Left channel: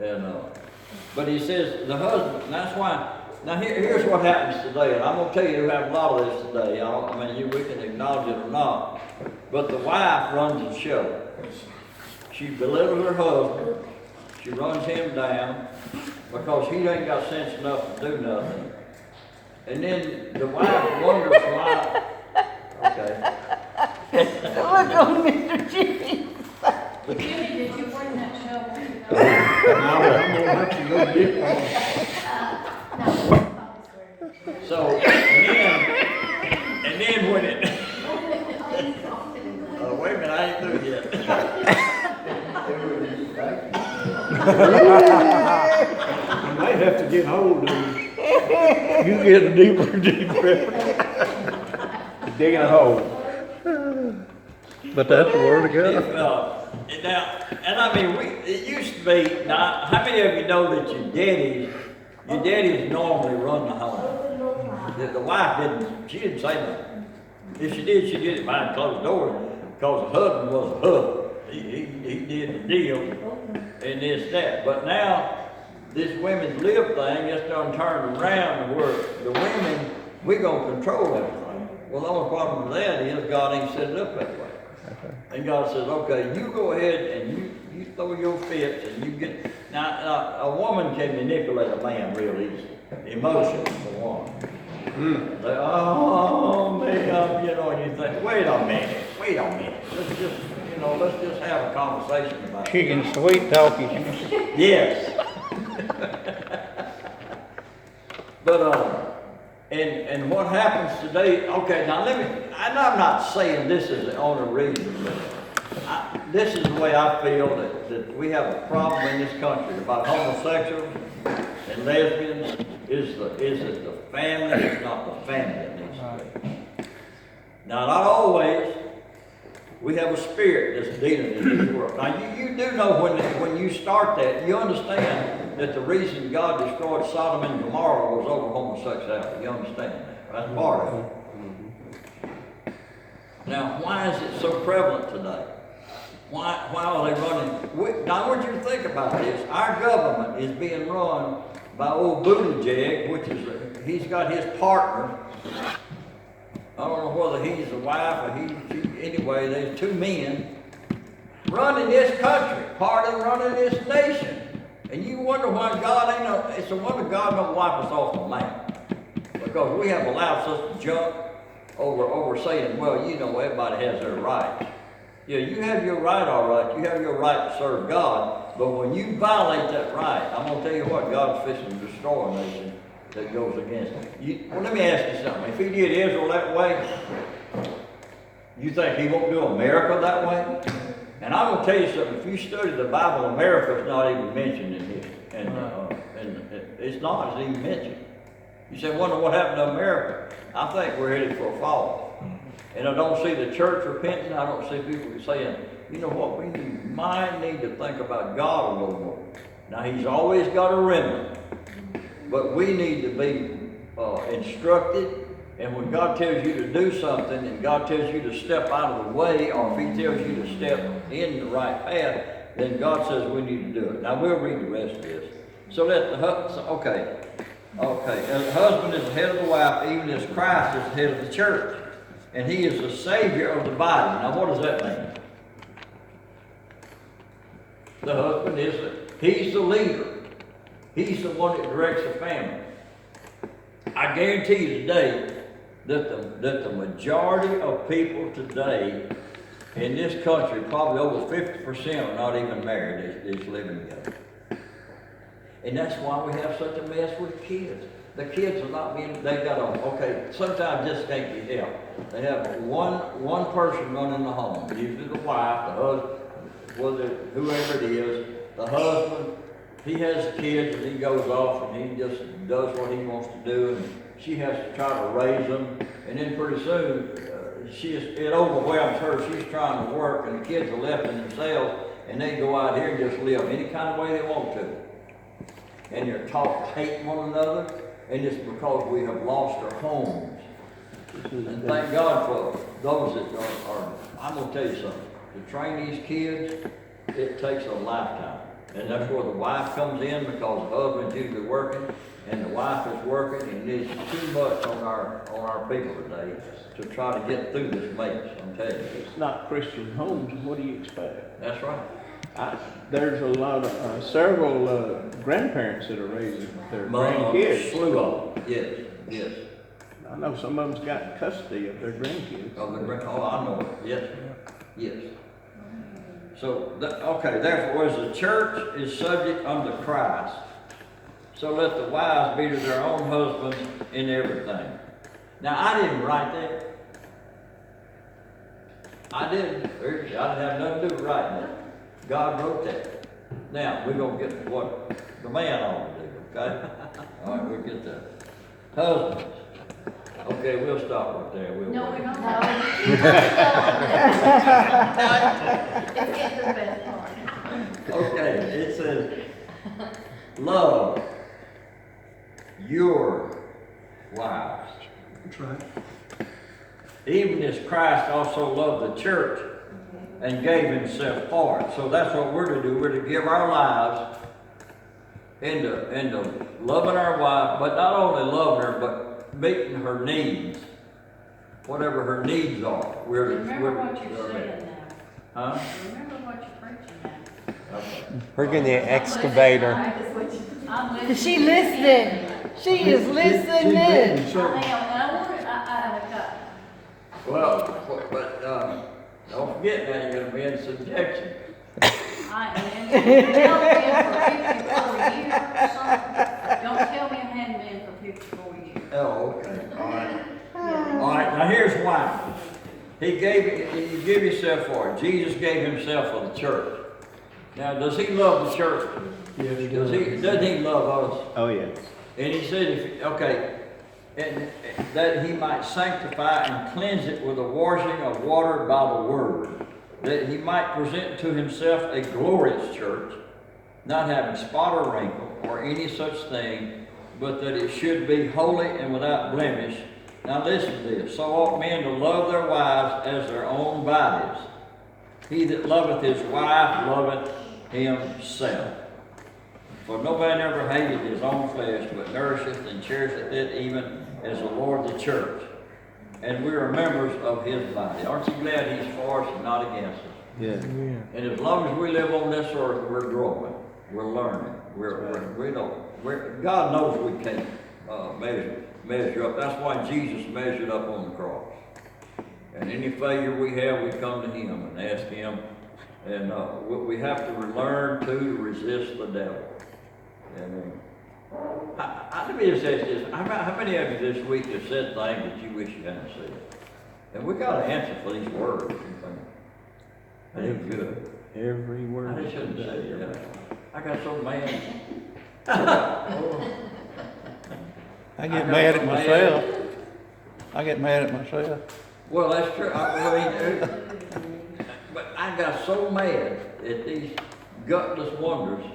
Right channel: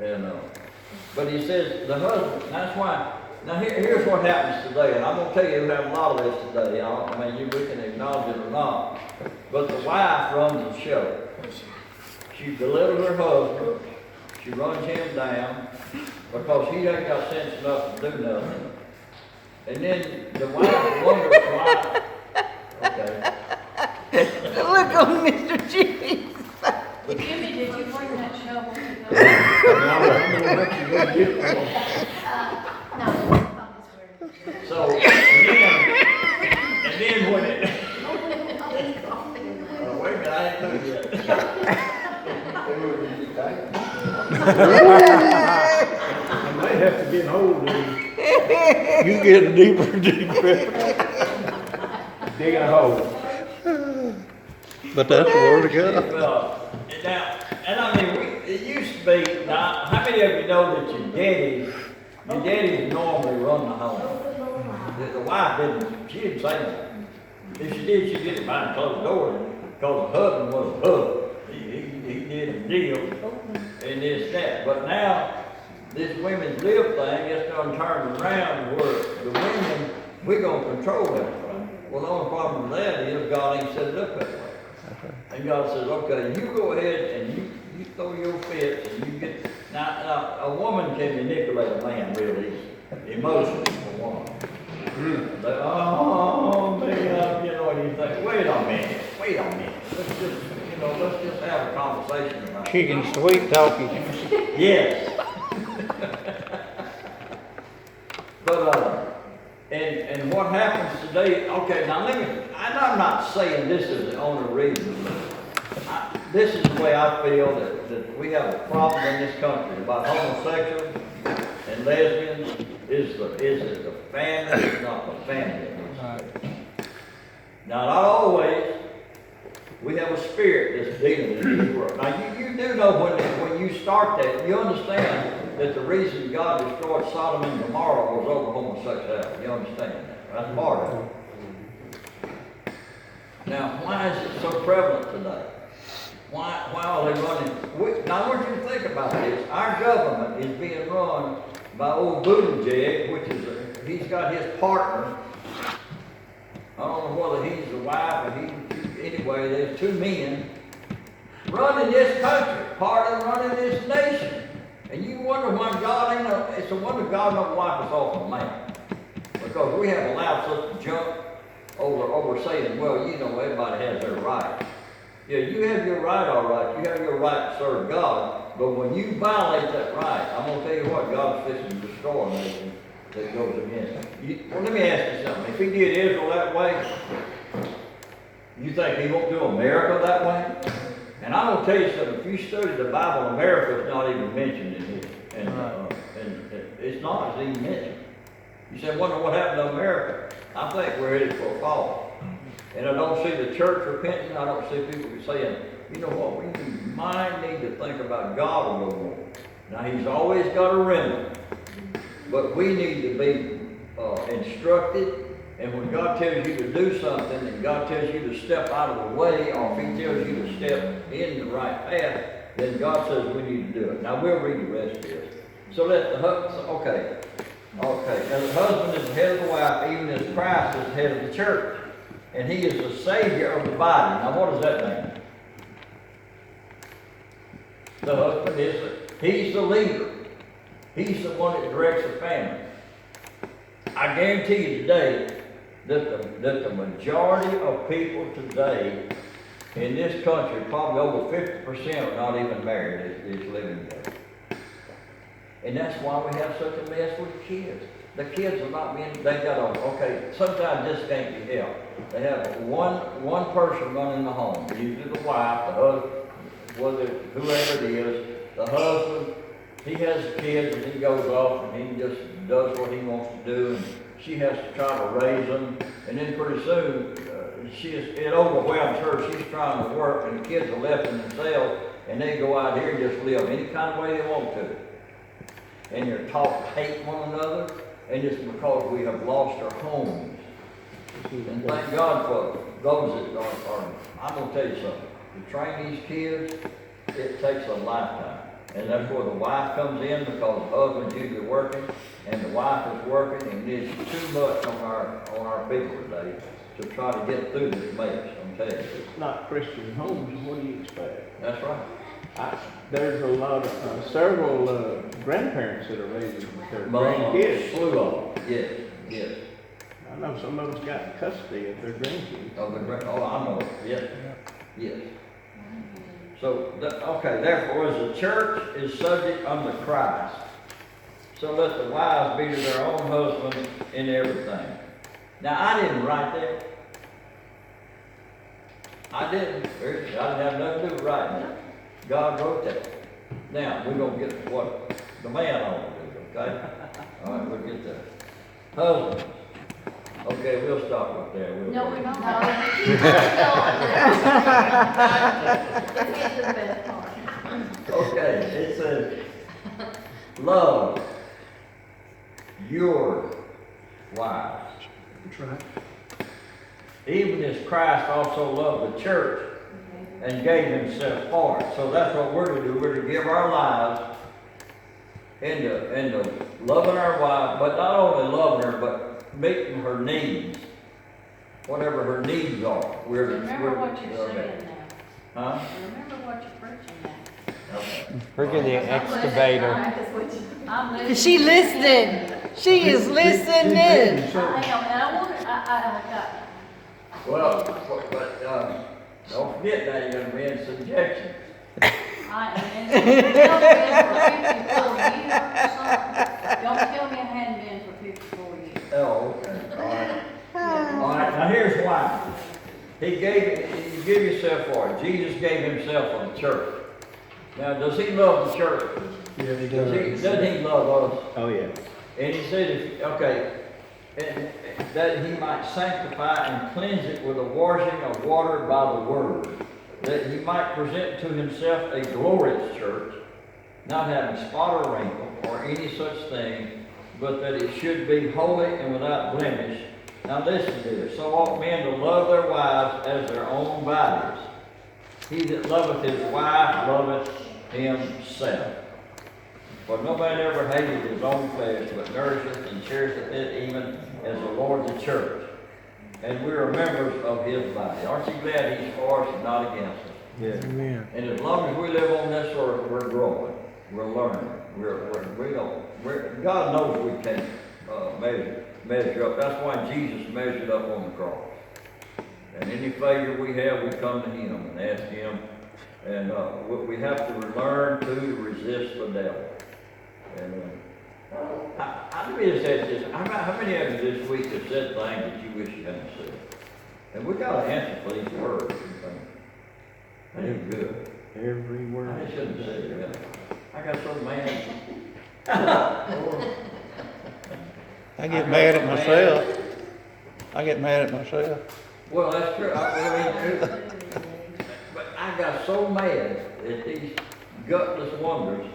And, but he says the husband, and that's why, now here's what happens today, and I'm gonna tell you we have a lot of this today, we can acknowledge it or not, but the wife runs the show. She belittles her husband, she runs him down, because he ain't got sense enough to do nothing. And then the wife wonders why, okay. Look on Mr. Jimmy. Jimmy, did you bring that shovel? No, I don't know what you're gonna get for it. No, not this way. So, and then when it, wait a minute, I ain't through yet. I might have to get hold of you. You get deeper and deeper. Dig a hole. But that's the word of God. Now, and I mean, it used to be, now, how many of you know that your daddies normally run the home? The wife she didn't say nothing. If she did it behind closed doors, because the husband was a husband. He did the deal, and this, that. But now, this women's lib thing just done turned around where the women, we're gonna control everything. Well, the only problem with that is God ain't set it up that way. And God says, okay, you go ahead and you throw your fits and you get, now a woman can manipulate a man real easy, emotionally for one. Like, oh man, and you think, wait a minute, let's just have a conversation about it. She can sweet talk you. Yes. But, and what happens today, okay, now and I'm not saying this is the only reason. This is the way I feel that we have a problem in this country about homosexuals and lesbians. Is it the family? It's not the family that needs to be. Now, not always. We have a spirit that's dealing with this world. Now, you do know when you start that, you understand that the reason God destroyed Sodom and Gomorrah was over homosexuality. You understand that? That's part of it. Now, why is it so prevalent today? Why are they running? Now, I want you to think about this. Our government is being run by old Buttigieg, which is he's got his partner. I don't know whether he's the wife or anyway, there's two men running this country, part of running this nation. And you wonder why God it's a wonder God don't wipe us off the map. Because we have allowed such junk over saying, well, everybody has their right. Yeah, you have your right, all right. You have your right to serve God. But when you violate that right, I'm going to tell you what, God's fixing to destroy a nation that goes against it. Let me ask you something. If he did Israel that way, you think he won't do America that way? And I'm going to tell you something. If you study the Bible, America is not even mentioned in here. And it's not. It's even mentioned. You say, wonder what happened to America? I think we're headed for a fall. And I don't see the church repenting. I don't see people saying, you know what, we might need to think about God a little more. Now, he's always got a remnant. But we need to be instructed. And when God tells you to do something, and God tells you to step out of the way, or if he tells you to step in the right path, then God says we need to do it. Now, we'll read the rest of this. So that the husband, okay. Now, the husband is the head of the wife, even as Christ is the head of the church. And he is the Savior of the body. Now, what does that mean? The husband he's the leader. He's the one that directs the family. I guarantee you today that the majority of people today in this country, probably over 50% are not even married, they're just living together. And that's why we have such a mess with kids. The kids are not sometimes this can't be helped. They have one person running the home, usually the wife, the husband, whoever it is, the husband, he has kids and he goes off and he just does what he wants to do, and she has to try to raise them, and then pretty soon it overwhelms her. She's trying to work and the kids are left to themselves, and they go out here and just live any kind of way they want to. And they're taught to hate one another, and it's because we have lost our homes. And thank God for those that are I'm going to tell you something. To train these kids, it takes a lifetime. And that's where the wife comes in because the husband's usually working and the wife is working, and it's too much on our people today to try to get through this mess, I'm telling you. It's not Christian homes, what do you expect? That's right. There's a lot of, several grandparents that are raising their grandkids. Slew of them, yes, yes. I know some of them's got custody of their grandkids. Oh, I know, yes, yes. So, okay, therefore, as the church is subject unto Christ, so let the wives be to their own husbands in everything. Now, I didn't write that. I didn't have nothing to do with writing that. God wrote that. Now, we're gonna get to what the man ought to do, okay? All right, we'll get the husbands. Okay, we'll stop right there. No, we're not. Let's get to the best part. Okay, it says, love your wives. That's right. Even as Christ also loved the church and gave himself for it. So that's what we're to do. We're to give our lives into loving our wife, but not only loving her, but meeting her needs. Whatever her needs are. Remember what you're saying now. Huh? Remember what you're preaching now. We're getting the excavator. I'm listening. She listening. She is listening. I am, and I want, I got, Well, but don't forget now, you're gonna be in subjection. I am, been for 54 years or something. Don't tell me I hadn't been for 54 years. Oh, okay, all right. All right, now here's why. You give yourself for it. Jesus gave himself for the church. Now, does he love the church? Yeah, he Doesn't he love us? Oh, yeah. And he said, and that he might sanctify and cleanse it with the washing of water by the word, that he might present to himself a glorious church, not having spot or wrinkle or any such thing, but that it should be holy and without blemish. Now listen to this. So ought men to love their wives as their own bodies. He that loveth his wife loveth himself. For no man ever hated his own flesh, but nourisheth and cherisheth it, even as the Lord the church. And we are members of his body. Aren't you glad he's for us and not against us? Yeah. And as long as we live on this earth, we're growing, we're learning, God knows we can't measure up. That's why Jesus measured up on the cross. And any failure we have, we come to him and ask him. And we have to learn to resist the devil. And let me just ask this. How many of you this week have said things that you wish you hadn't said? And we got to answer for these words. That is good. Every word. I shouldn't say that. I got so mad. I get mad at myself. I get mad at myself. Well, that's true. But I got so mad at these gutless wonders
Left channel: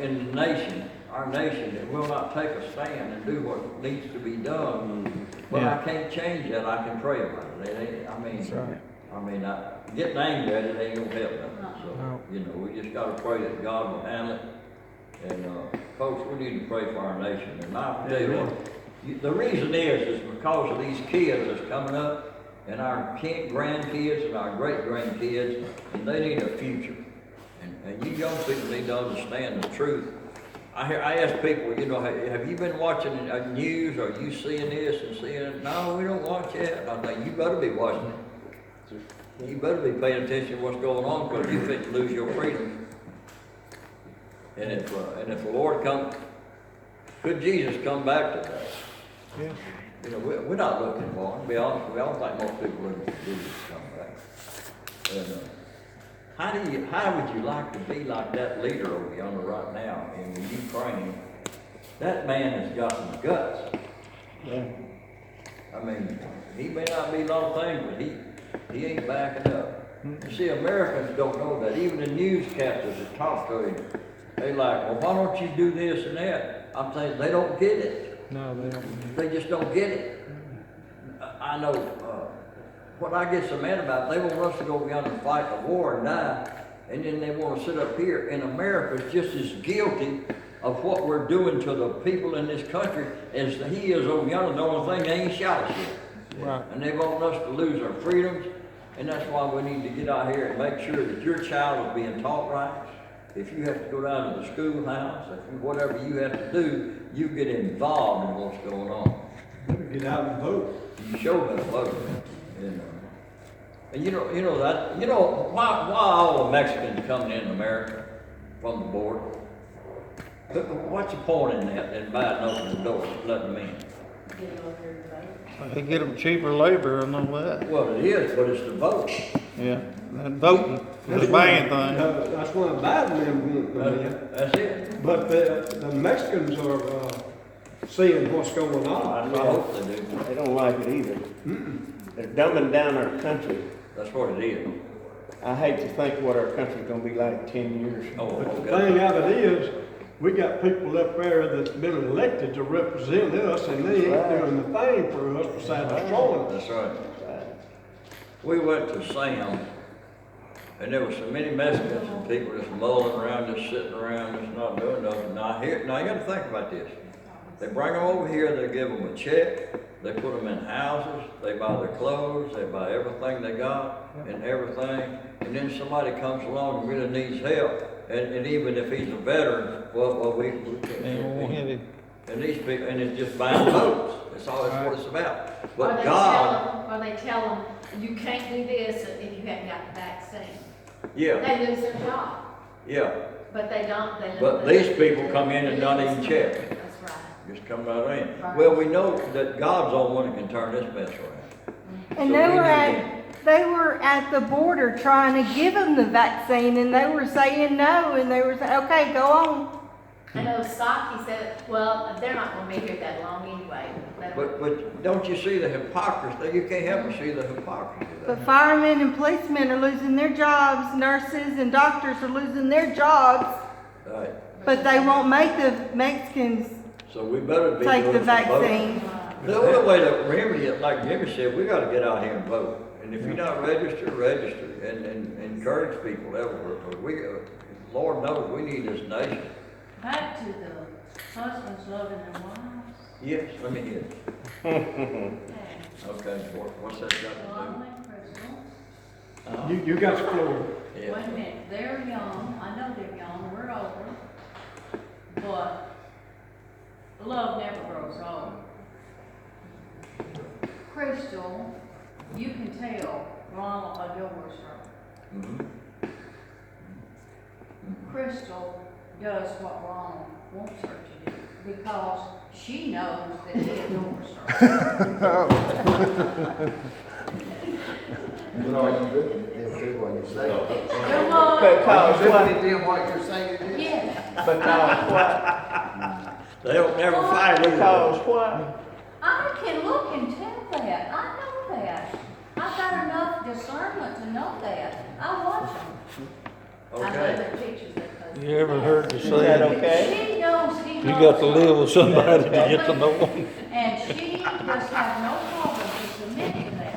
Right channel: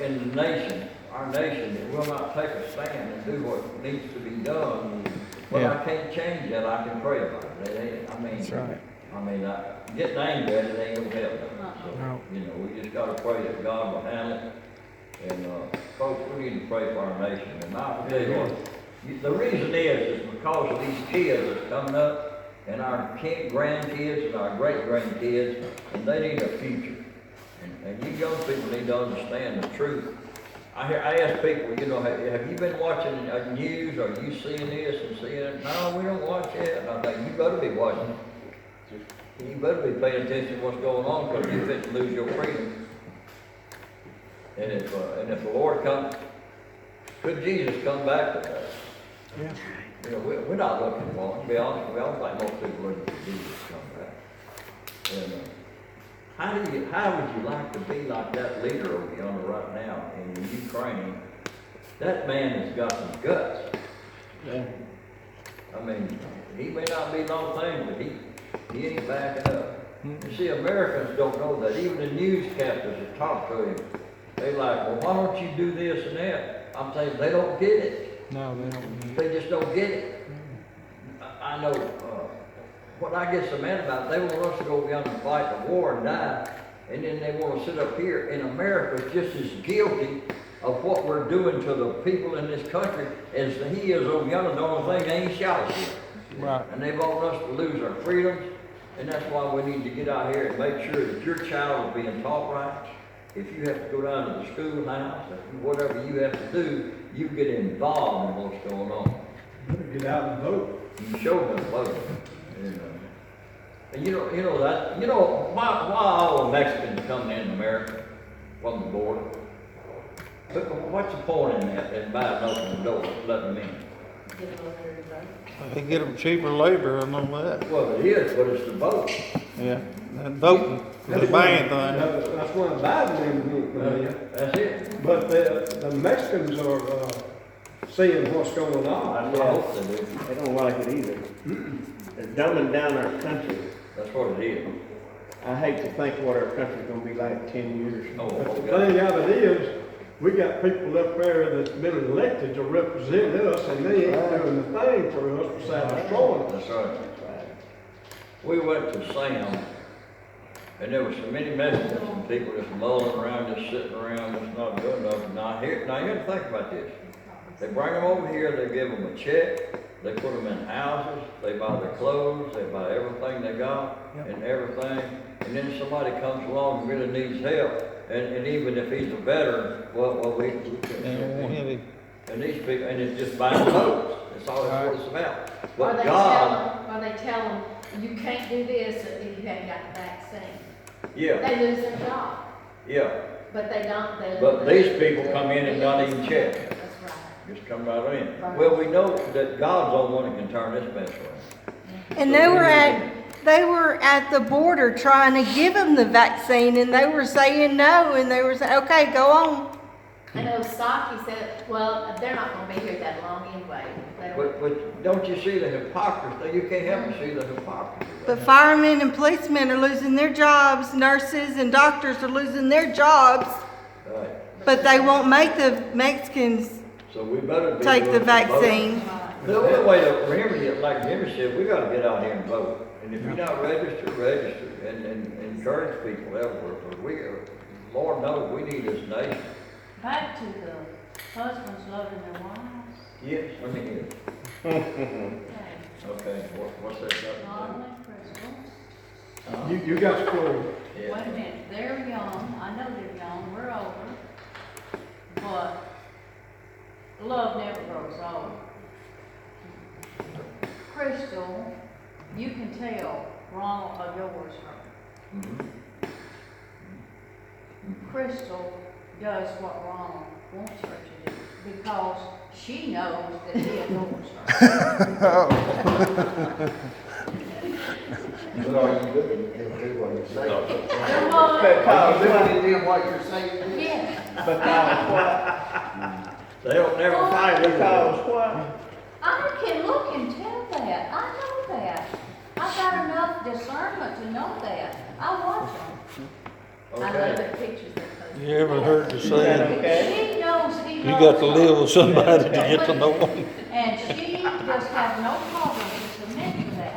in the nation, our nation, that will not take a stand and do what needs to be done. Well, Yeah. I can't change that. I can pray about it. Getting angry at it ain't gonna help nothing. So, we just gotta pray that God will handle it. And, folks, we need to pray for our nation. And I tell you what, the reason is because of these kids that's coming up, and our grandkids and our great-grandkids, and they need a future. And you young people need to understand the truth. I ask people, have you been watching news? Are you seeing this and seeing it? No, we don't watch it. And I think, you better be watching it. You better be paying attention to what's going on, because you're fit to lose your freedom. And if the Lord comes, could Jesus come back to us? Yeah. We're not looking for him, to be honest. I don't think most people are looking for Jesus to come back. And how would you like to be like that leader over yonder right now in the Ukraine? That man has got some guts. Yeah. I mean, he may not be a lot of things, but he ain't backing up. You see, Americans don't know that. Even the newscasters that talk to him, they like, well, why don't you do this and that? I'm saying they don't get it. No, they don't. They just don't get it. I know what I get so mad about, they want us to go beyond and fight the war and die, and then they wanna sit up here, and America's just as guilty of what we're doing to the people in this country as he is over yonder. The only thing, they ain't shot us yet. Right. And they want us to lose our freedoms, and that's why we need to get out here and make sure that your child is being taught right. If you have to go down to the schoolhouse, or whatever you have to do, you get involved in what's going on. Better get out and vote. You show them the vote. And you know why all the Mexicans coming in America from the border? But what's the point in that, in buying open the door, letting them in? They get them cheaper labor and all that. Well, it is, but it's the vote. Yeah, and voting is the main thing. That's one of Biden's main. That's it. But the Mexicans are, seeing what's going on. I hope they do. They don't like it either. They're dumbing down our country. That's what it is. I hate to think what our country's gonna be like in 10 years. Oh, The okay. thing of it is, we got people up there that's been elected to represent us, and they ain't doing the thing for us besides destroying us. That's right. We went to Sam, and there were so many Mexicans and people just mulling around, just sitting around, just not doing nothing. Now you gotta think about this. They bring them over here, they give them a check, they put them in houses, they buy their clothes, they buy everything they got and everything. And then somebody comes along and really needs help, and even if he's a veteran, we They don't want can't. heavy. And these people, and it's just buying votes. That's all that's what it's about. Or But they God, tell them, you can't do this if you haven't got the vaccine. yeah, They lose their job, yeah. but they don't, they. But these people come in and not even check. That's right. Just come right in. Well, we know that God's the only one that can turn this mess around. And So they we were need they were at the border trying to give them the vaccine, and they were saying no, and they were saying, okay, go on. I know Saki said, well, they're not gonna be here that long anyway. They don't- But don't you see the hypocrisy? You can't help but see the hypocrisy. But firemen and policemen are losing their jobs, nurses and doctors are losing their jobs, Right. but they won't make the Mexicans So we better be. take the doing some voting. vaccine. The only way that, remember, like Jimmy said, we gotta get out here and vote. And if you're not registered, register and encourage people everywhere. 'Cause Lord knows, we need this nation. Back to the husbands loving their wives. Yes, let me hear it. Okay. Okay, what's that got to Lonnie, Crystal. do? You got the floor. Yeah. Wait a minute, they're young, I know they're young, we're older, but love never grows old. Crystal, you can tell Ronald adores her. Mhm. Crystal does what Ronald wants her to do, because she knows that he adores her. But are you doing what you say? There was, Are you really doing what you're saying? yes, Because what? They'll never find it. Because what? I can look and tell that, I know that. I've got enough discernment to know that, I watch them. I love Okay. the pictures they post. You ever heard the saying, She knows he you loves got to her. live with somebody to get to know them? And she just has no problem to submit to that.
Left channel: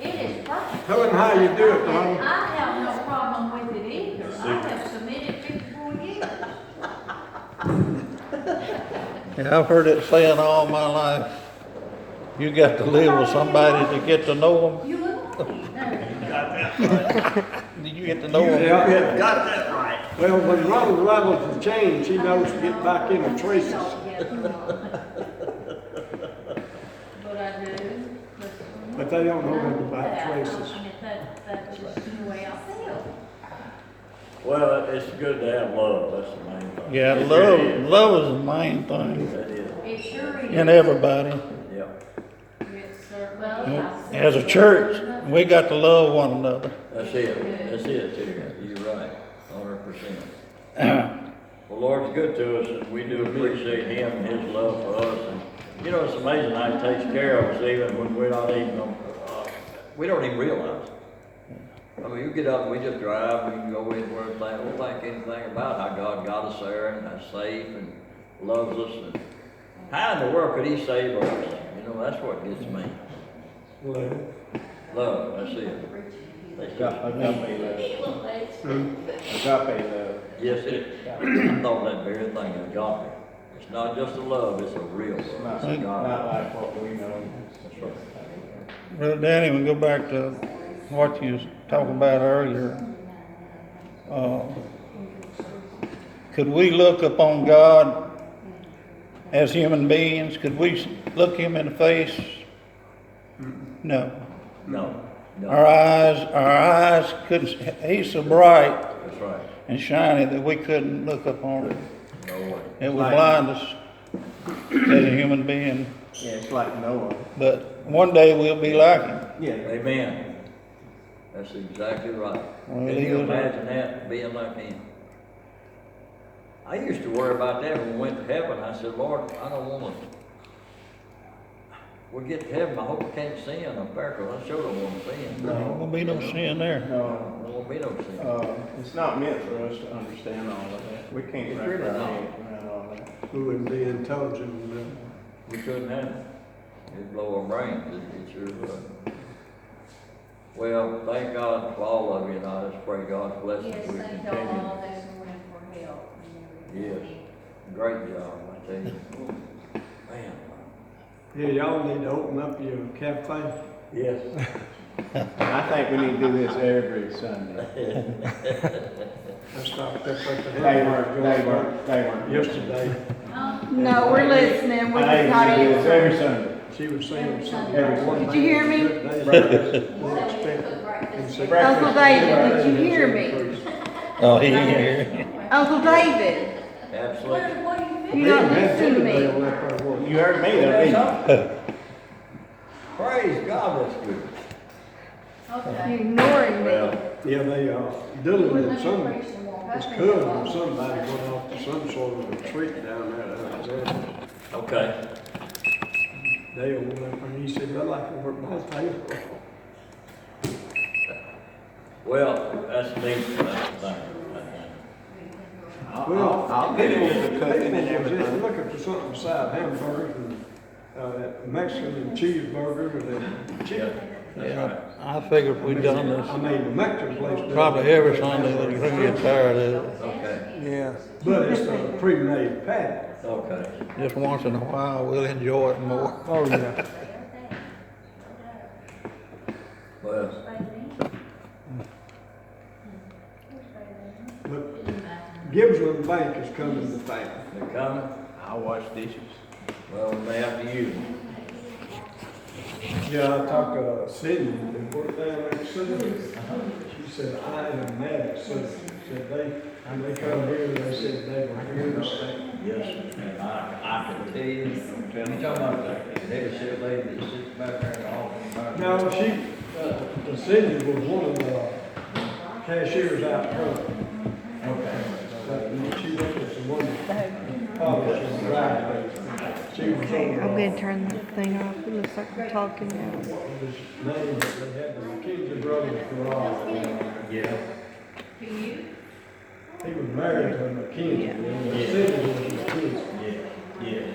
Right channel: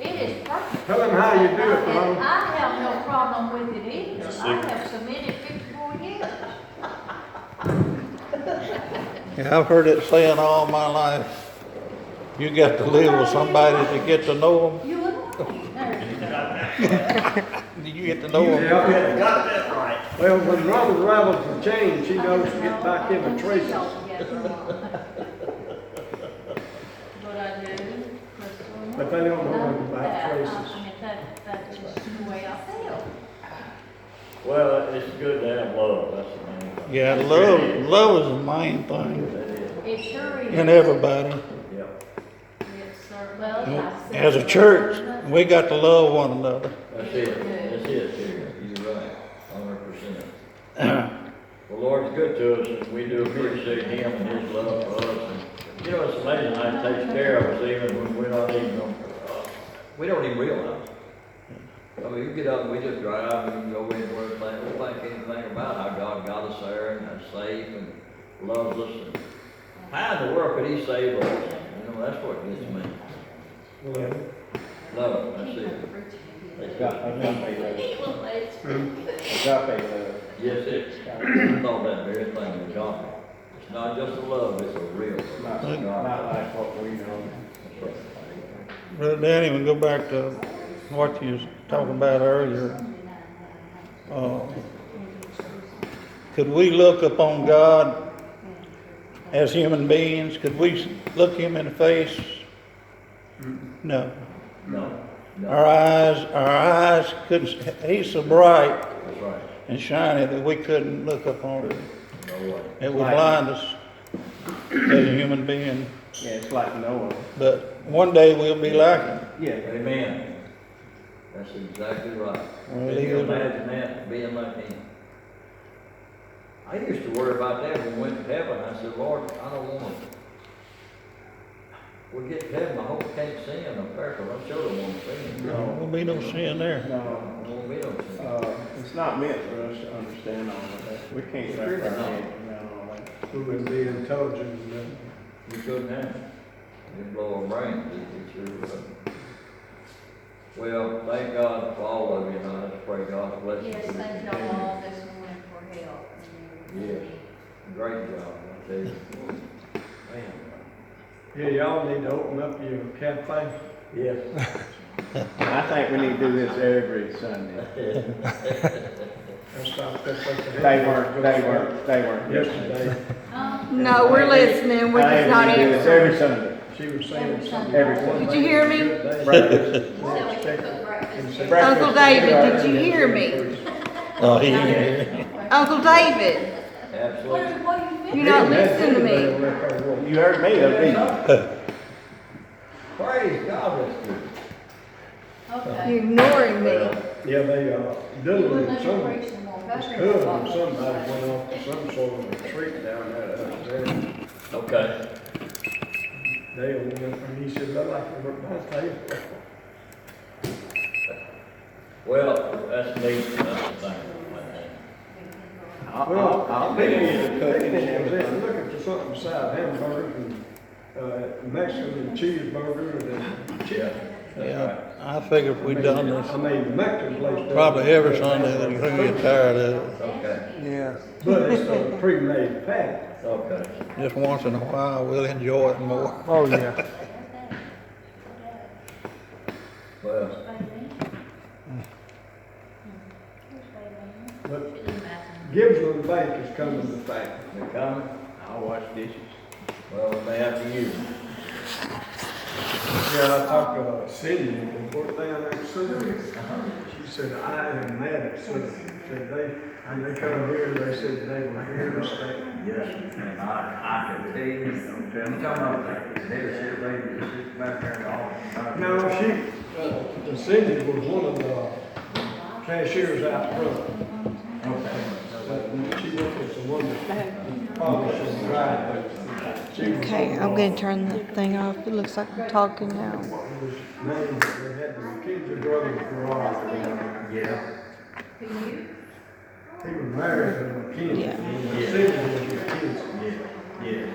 It is perfect. Tell him how you do it, And Ron. I have no problem with it either. I have submitted 54 years. Yeah, I've heard it saying all my life. You got to live with somebody to get to know You would like, there you go. them. You get to know them. Yeah. Got that right. Well, when Ronald levels for change, he knows to get back in the traces. But I do. But they don't know about That, traces. I mean, that's just the way I feel. Well, it's good to have love, that's the main thing. Yeah, love is the main thing That is, It sure is. in everybody. yeah. It's, Well, You know, I said- as a church, we got to love one another. That's it, too. You're right, 100%. Well, Lord's good to us, and we do appreciate Him and His love for us. And, you know, it's amazing how He takes care of us even when we're not even, we don't even realize it. I mean, you get up and we just drive, and we can go anywhere, and don't think anything about how God got us there and how safe and loves us. And how in the world could He save us? You know, that's what gets me. Well, Love, that's it. Yes, I thought that very thing was agape. It's not just a love, it's a real love. Think- Not like what we know. That's right. Well, Danny, we go back to what you was talking about earlier. Could we look upon God as human beings? Could we look him in the face? No. No, no, Our eyes couldn't, he's so bright that's right. and shiny that we couldn't look upon him. No way. It would blind us as a human being. Yeah, it's like Noah. But one day we'll be like him. Yeah. Amen. That's exactly right. Well, Can you either- imagine that, being like him? I used to worry about that when we went to heaven. I said, Lord, I don't want to. We get to heaven, I hope I can't sin up there, because I sure don't want to sin. There won't be no sin there. I No, won't be no sin. it's not meant for us to understand all of that. We can't wrap our head around all that. We wouldn't be intelligent enough. We couldn't have it. It'd blow our brains, it sure would. Well, thank God for all of you, and I just pray God's blessing. Yes, thank y'all all this morning for help. Yes. Great job, I tell you. Man. Yeah, y'all need to open up your cafe. Yes. I think we need to do this every Sunday. That's not, that's what the. They weren't. Yesterday, No, we're listening, we're just not I think we need to do this answering. every Sunday. she was saying Every something. Sunday. Every Sunday. Did you hear me? Uncle David, did you hear me? Oh, he ain't here. Uncle David, Absolutely. What do you you don't listen to me. You heard me, though, didn't you? Praise God, that's good. Okay. You're ignoring me. Yeah, they, Dylan Well, and let me some, preach some more. his cousin or somebody went off to some sort of retreat down there. Okay. Dale went, and he said, I like to work my table. Well, that's neat, that's the thing. I'll get into the cooking and Just everything. looking for something beside hamburgers and, Mexican cheeseburger and chicken. Yeah, I figure if we'd done I this mean, the Mexican place. does probably it. every Sunday, they're gonna get tired of it. Okay, Yeah. But it's a pre-made patty. okay. Just once in a while, we'll enjoy it more. Oh, yeah. Well, But Gibbsland Bank is coming to fact. they coming? I'll wash dishes. Well, they have to use them. Yeah, I talked to Cindy, and worked down there in Cindy. She said, I am mad at Cindy. Said they come here, they said they were here to stay. Yes, and I can tell you, you talking about that leadership lady that sits back there and all. No, the Cindy was one of the cashiers out front. Okay. She worked at the one that polished and dried. She was Okay, on, I'm gonna turn that thing off. It looks like I'm talking now. what was his name, they had the McKenzie brothers garage. Yeah. He was married to McKenzie, and Cindy was McKenzie. Yeah, yeah.